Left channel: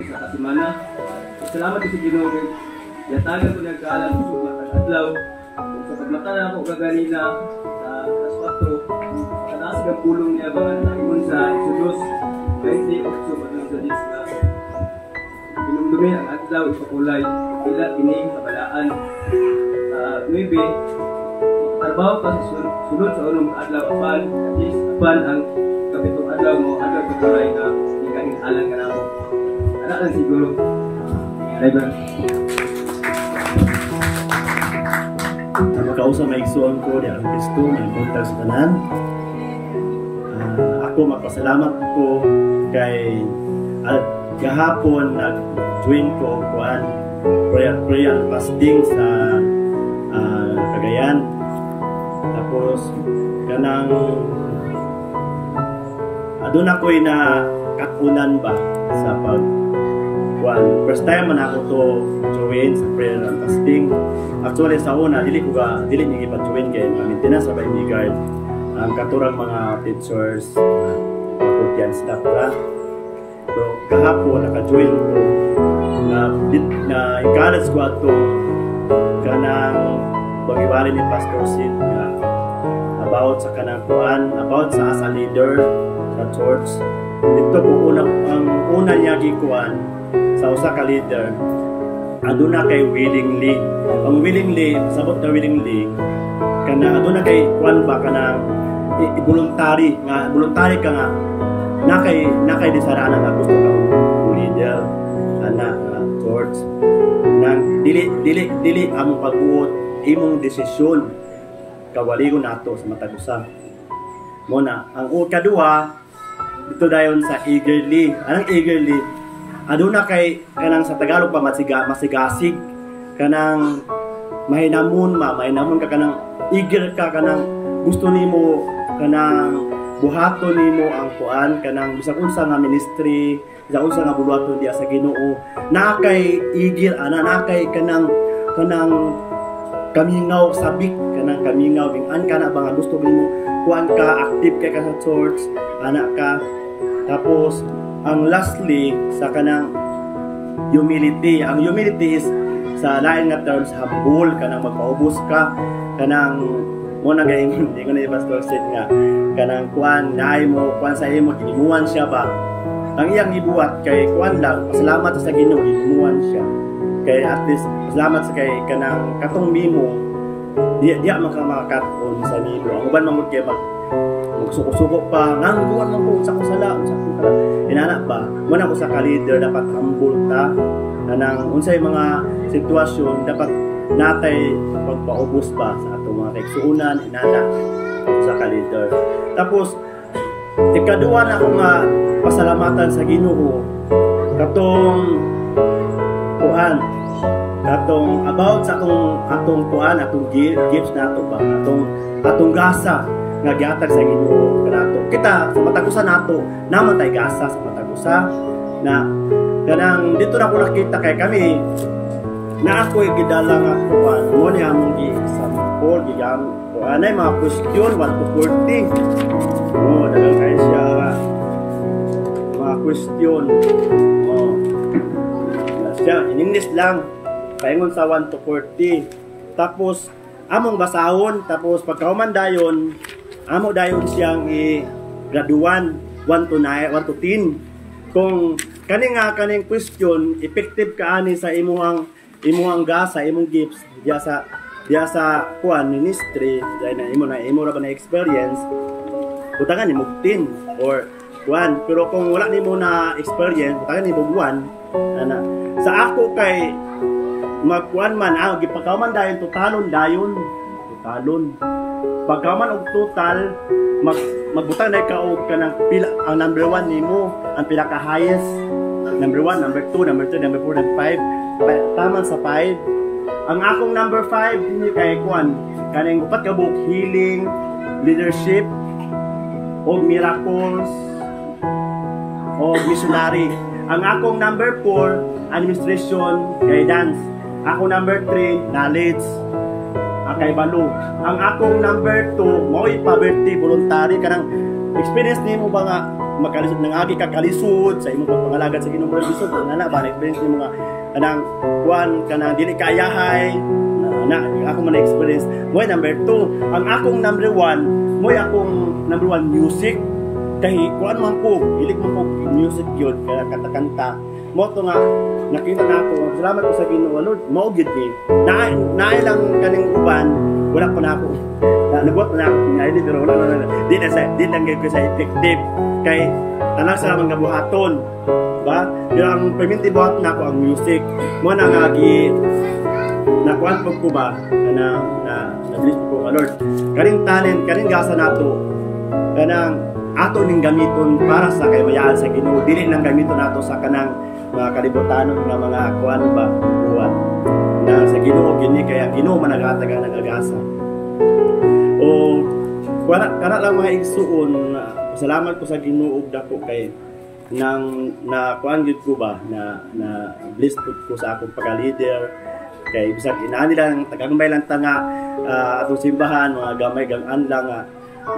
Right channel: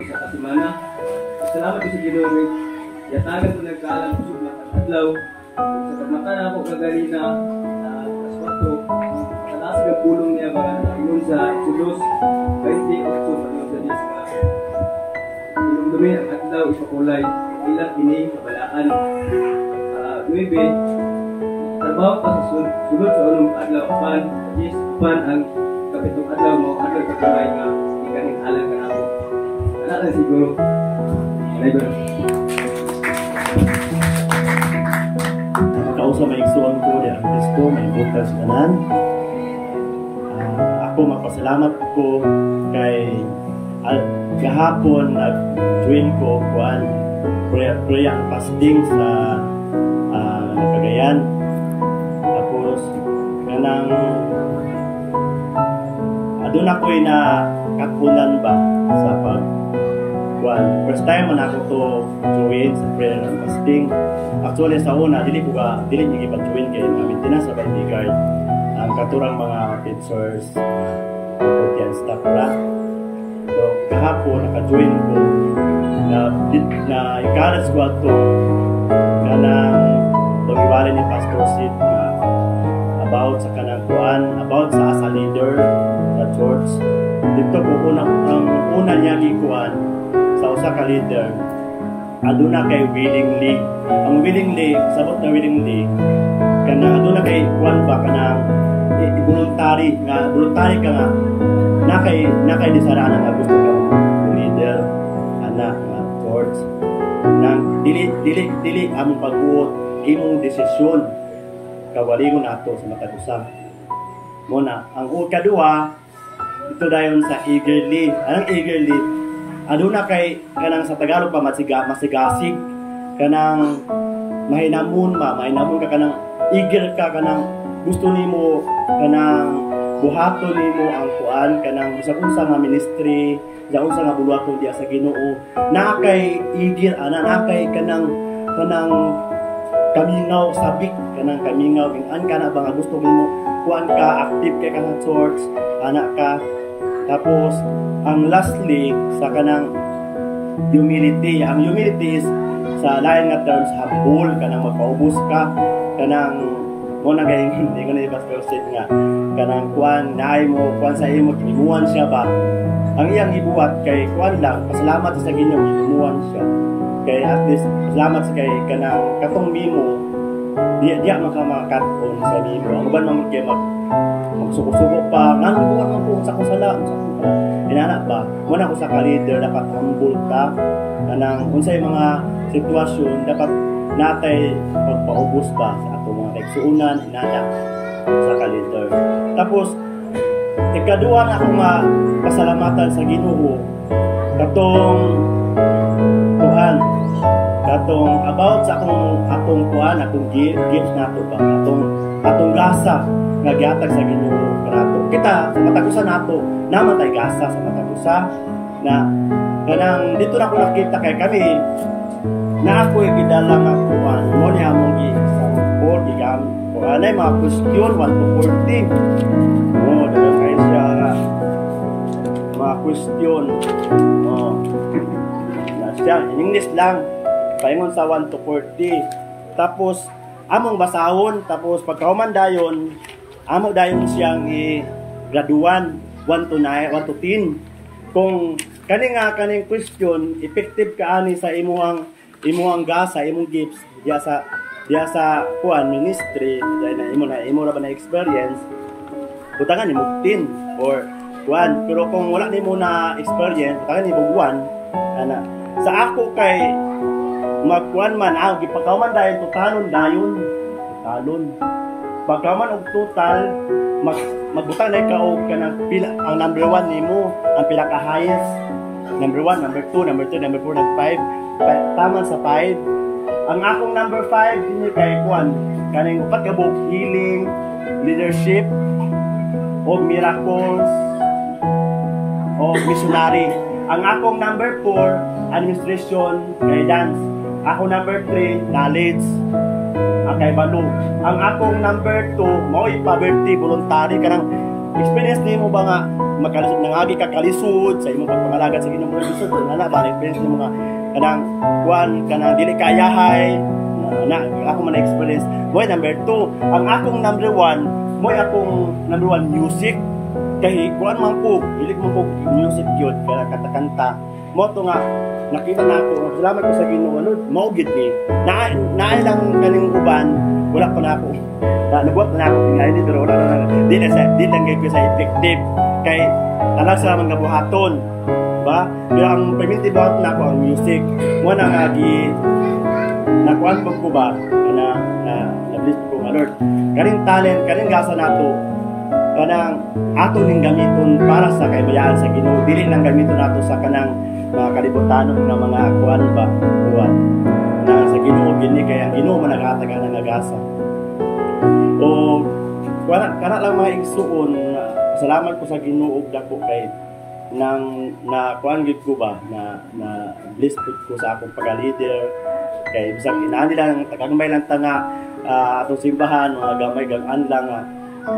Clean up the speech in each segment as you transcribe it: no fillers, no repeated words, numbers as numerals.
Sa kasimana, salamat sa Ginoo. Yatagan ko nagkaalam sa adlaw. Sa pagmatala ako kaganina alas 4, talas ng pulong niya mga naingon sa Exodus 28 ano sa Diyos na pinumdumi ang adlaw ipakulay ilat ini kabalaan. 9, trabaho pa sa sulod sa unong adlaw apan ang kapitong adlaw mo adlaw ipakulay nga ikaning alang ka nako. Ano lang siguro driver. Makausa may isuon ko di ang Kristo may buntag sa tanan. Ako magpasalamat ko kay gahapon nag-join ko kuan prayer and fasting sa Cagayan. Tapos kanang adun ako'y na kakunan ba sa pag kuan. First time man ako to join sa prayer and fasting. Actually sa una dili ni ipag-join kay na maintenance sa bodyguard ang katurang mga pictures pagkutian staff ra. So kahapon naka-join ko na encourage ko ato kanang pag-iwalay ni Pastor Sid nga about sa kanang kuan, about sa as a leader sa church. Dito ko ang una niya gikuan sa usa ka leader aduna kay willingly. Ang willingly, sabot na willingly kana aduna kay kuan ba kana voluntary ka nga nakay disarana nga gusto kang leader anak church nang dili among pagbuot imong desisyon kawalingon nato sa matag usa. Muna ang kadua dito dayon sa eagerly. Anong eagerly? Aduna kay kanang sa Tagalog pa masigasig kanang mahinamon ka kanang eager ka kanang gusto nimo kanang buhaton nimo ang kuan kanang bisag unsa nga ministry bisag unsa nga buluhaton diya sa Ginoo na kay eager ana kay kanang kaminaw sabik kanang kaminaw bingan ka na ba nga gusto nimo kuan ka active kay ka sa church ana ka. Tapos ang lastly sa kanang humility. Ang humility is sa lain nga terms humble kanang magpaubos ka kanang mo na gayeng hindi ko na i-pastor said nga kanang kuan naay mo kuan sa imo ginuwan siya ba ang iyang gibuhat kay kuan lang pasalamat sa Ginoo ginuwan siya kay at least pasalamat sa kay kanang katong mimo diya makamakat-on sa nimo ang uban man kay magsuko-suko pa nang buwan man ko sa kusala inana ba mo na ko sa ka-leader dapat humble ta kanang unsay mga sitwasyon dapat natay pagpaubos ba sa ato mga kaigsuonan inana sa ka-leader. Tapos ikaduha na ako nga pasalamatan sa Ginoo katong kuan katong about sa atong kuan atong gifts nato ba atong gasa nga gihatag sa Ginoo kanato kita sa matagusa nato naman tay gasa sa matagusa na kanang dito na ko nakita kay kami na ako'y gidala nga kuan mo ni among gi-sample gigam kuan ay mga question 1 to 40 dagang kayo siya mga question na siya in English lang paingon sa 1 to 40 tapos among basahon tapos pagkahuman dayon amo dayon siyang i-graduan 1 to 10 kung kaning question effective kaani sa imong gasa imong gifts diya sa kuan ministry dahil na imo ra ba na experience butangan nimo 10 or 1 pero kung wala nimo na experience butangan nimo 1 ana sa ako kay magkuan man gipagkauman dayon totalon pagkaman og total magbutang na ka og kanang pila ang number 1 nimo ang pila ka highest number 1 number 2 number 3 number 4 number 5 taman sa 5 ang akong number 5 dinhi kay kuan kaning upat ka buok healing leadership og miracles og missionary ang akong number 4 administration guidance ako number 3 knowledge kay balo. Ang akong number 2 mo'y poverty voluntary kanang experience nimo ba nga magkalisod nangagi ka kalisod sa imong pagpangalagat sa Ginoo murag lisod na ba experience ni mga kanang kuan kanang dili kayahay na ako man experience mo. Number 2, ang akong number 1 mo akong number 1 music kay kuan man ko ilik man ko music gyud kanta mo to nga nakita na ako salamat ko sa Ginoo Lord mao gid ni naay lang kaning uban wala pa na ako nabuhat na ako tingali pero wala na di lang gyud ko sa effective kay tanan sa mga buhaton ba pero ang perminti buhat na ako ang music mo na nga nakuan po ko ba na bless ko Lord kaning talent kaning gasa nato kanang ato ning gamiton para sa kaymayaan sa Ginoo dili lang gamiton nato sa kanang mga kalibutan na mga kuan ba buwan na sa Ginoo gini kay ang Ginoo man naghatag ang nagasa o kana lang mga igsuon salamat ko sa Ginoo dako kay nang na kuan gyud ko ba na bless ko sa akong pagka-leader kay bisag inani lang tagagmay lang tanga atong simbahan mga gamay gang-an lang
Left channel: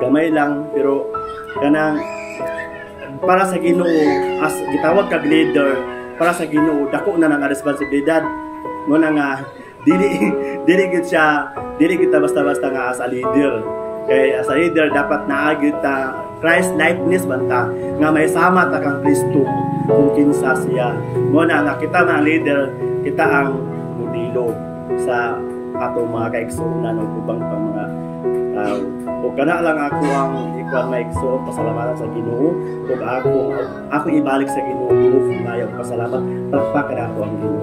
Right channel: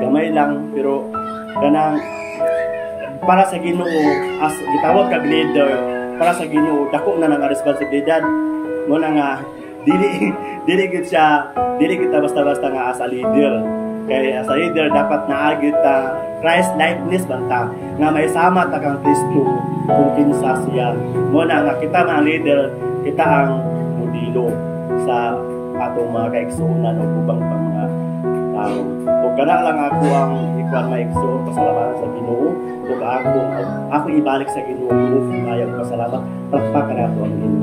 gamay lang pero kanang para sa Ginoo as gitawag kag leader para sa Ginoo dako na nga responsibilidad mo na nga dili gid siya dili kita basta-basta nga as a leader kay as a leader dapat naagid ta Christ likeness banta nga may sama ta kang Kristo kung kinsa siya mo na nga kita mga leader kita ang modelo sa atong mga kaigsuonan o ubang pang mga tao o kana lang ako ang ikuan maigsuon pasalamat sa Ginoo ug ako ibalik sa Ginoo Ginoo mayo pasalamat pakpak nato ang Ginoo.